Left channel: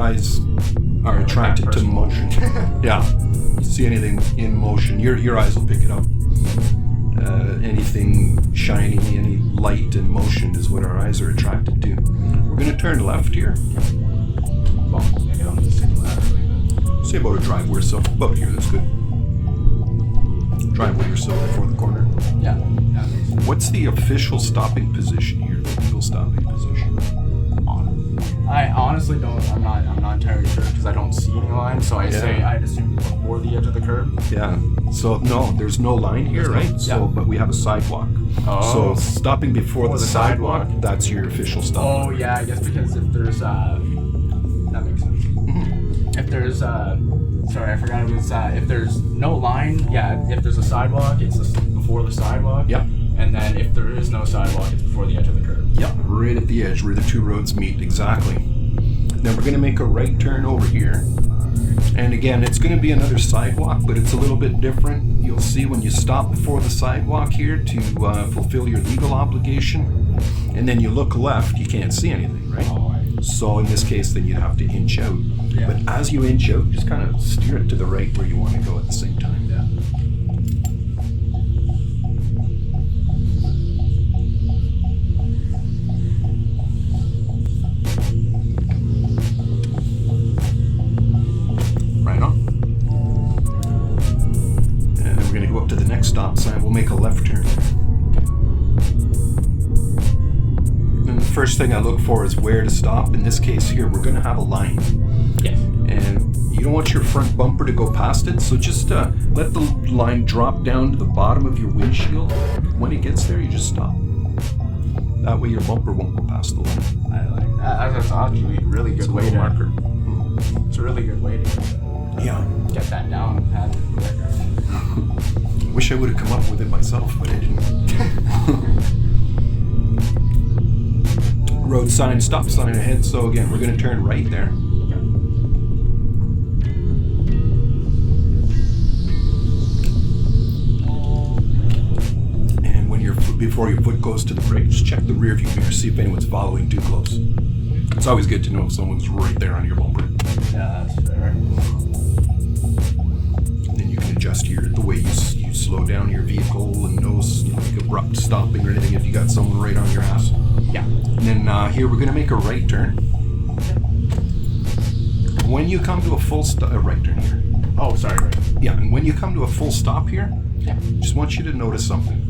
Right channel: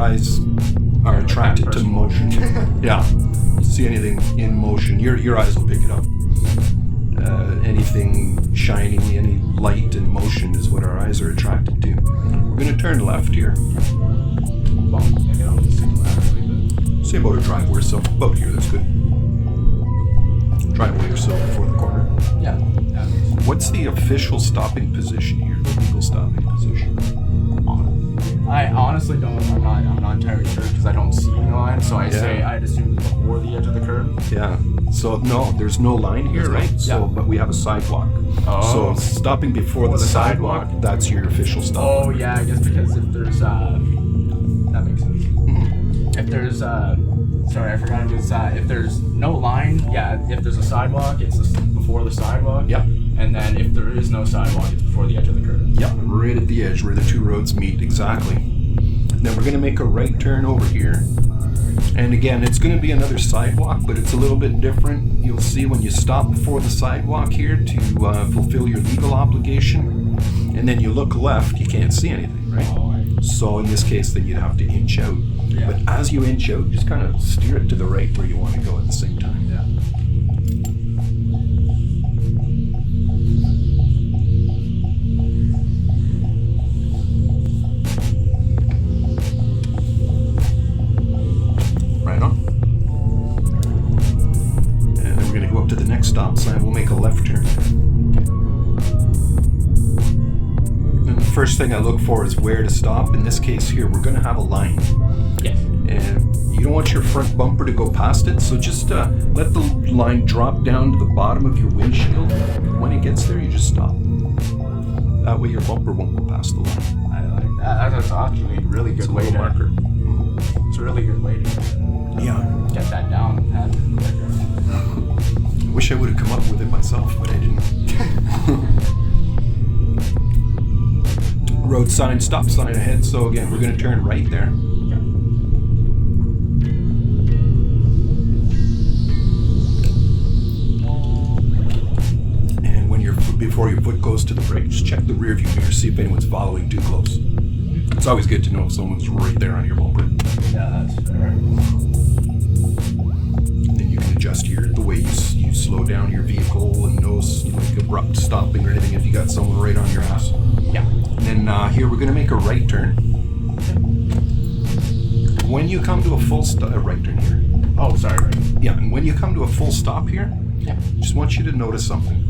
eyes are attracted to motion. Yeah. You see anything in motion, your eyes will pick it up. Anything shiny, any light and motion is what our eyes are attracted to. We're going to turn left here. Well, maybe I don't need to stick laterally, but... Say about a driveway or so. About here, that's good. Driveway or so before the corner. Yeah, that makes sense. What's the official stopping position here, the legal stopping position? I honestly don't, I'm not entirely sure because I don't see any line, so I'd assume it's before the edge of the curb. Yeah. So no, there's no line here, right? So, but we have a sidewalk. Oh. So stopping before the sidewalk, that's your official stop. Oh yeah, I guess because if there's that makes sense. Mm-hmm. If there's sorry, I forgot it was if there's no line, yeah, if there's a sidewalk, it's before the sidewalk. Yep. And then if there is no sidewalk, it's before the edge of the curb. Yep, right at the edge where the two roads meet, exactly. Then we're going to make a right turn over here. And again, it's going to be another sidewalk, but it's a little bit different. You'll see when you stop before the sidewalk here to fulfill your legal obligation. And then you look left, you can't see anything, right? So in this case, then you'd have to inch out. Yeah. But as you inch out, just kind of steer it to the right where you want to go at the same time. Yeah. Right on. And then we're going to go up to the next stop sign. We'll make a left turn. And the first thing I look for is where to stop. In this case here, we're going to have a line. Yes. And you don't want your front bumper to go past it, so just let the line drop down to the bottom of your windshield. When it gets there, you just stop. That way your bumper won't go past the line. I like that. That's actually a really good way to marker. It's a really good way to get that down and have it quicker. I wish I would have come up with it myself, but I didn't. Road sign, stop sign ahead. So again, we're going to turn right there. And when before your foot goes to the brake, just check the rear view mirror, see if anyone's following too close. It's always good to know if someone's right there on your bumper. Yeah, that's fair. And then you can adjust the way you slow down your vehicle and no abrupt stopping or anything if you got someone right on your ass. Yeah. And then here we're going to make a right turn. When you come to a full right turn here. Oh, sorry, right. Yeah, and when you come to a full stop here, Yeah. just want you to notice something.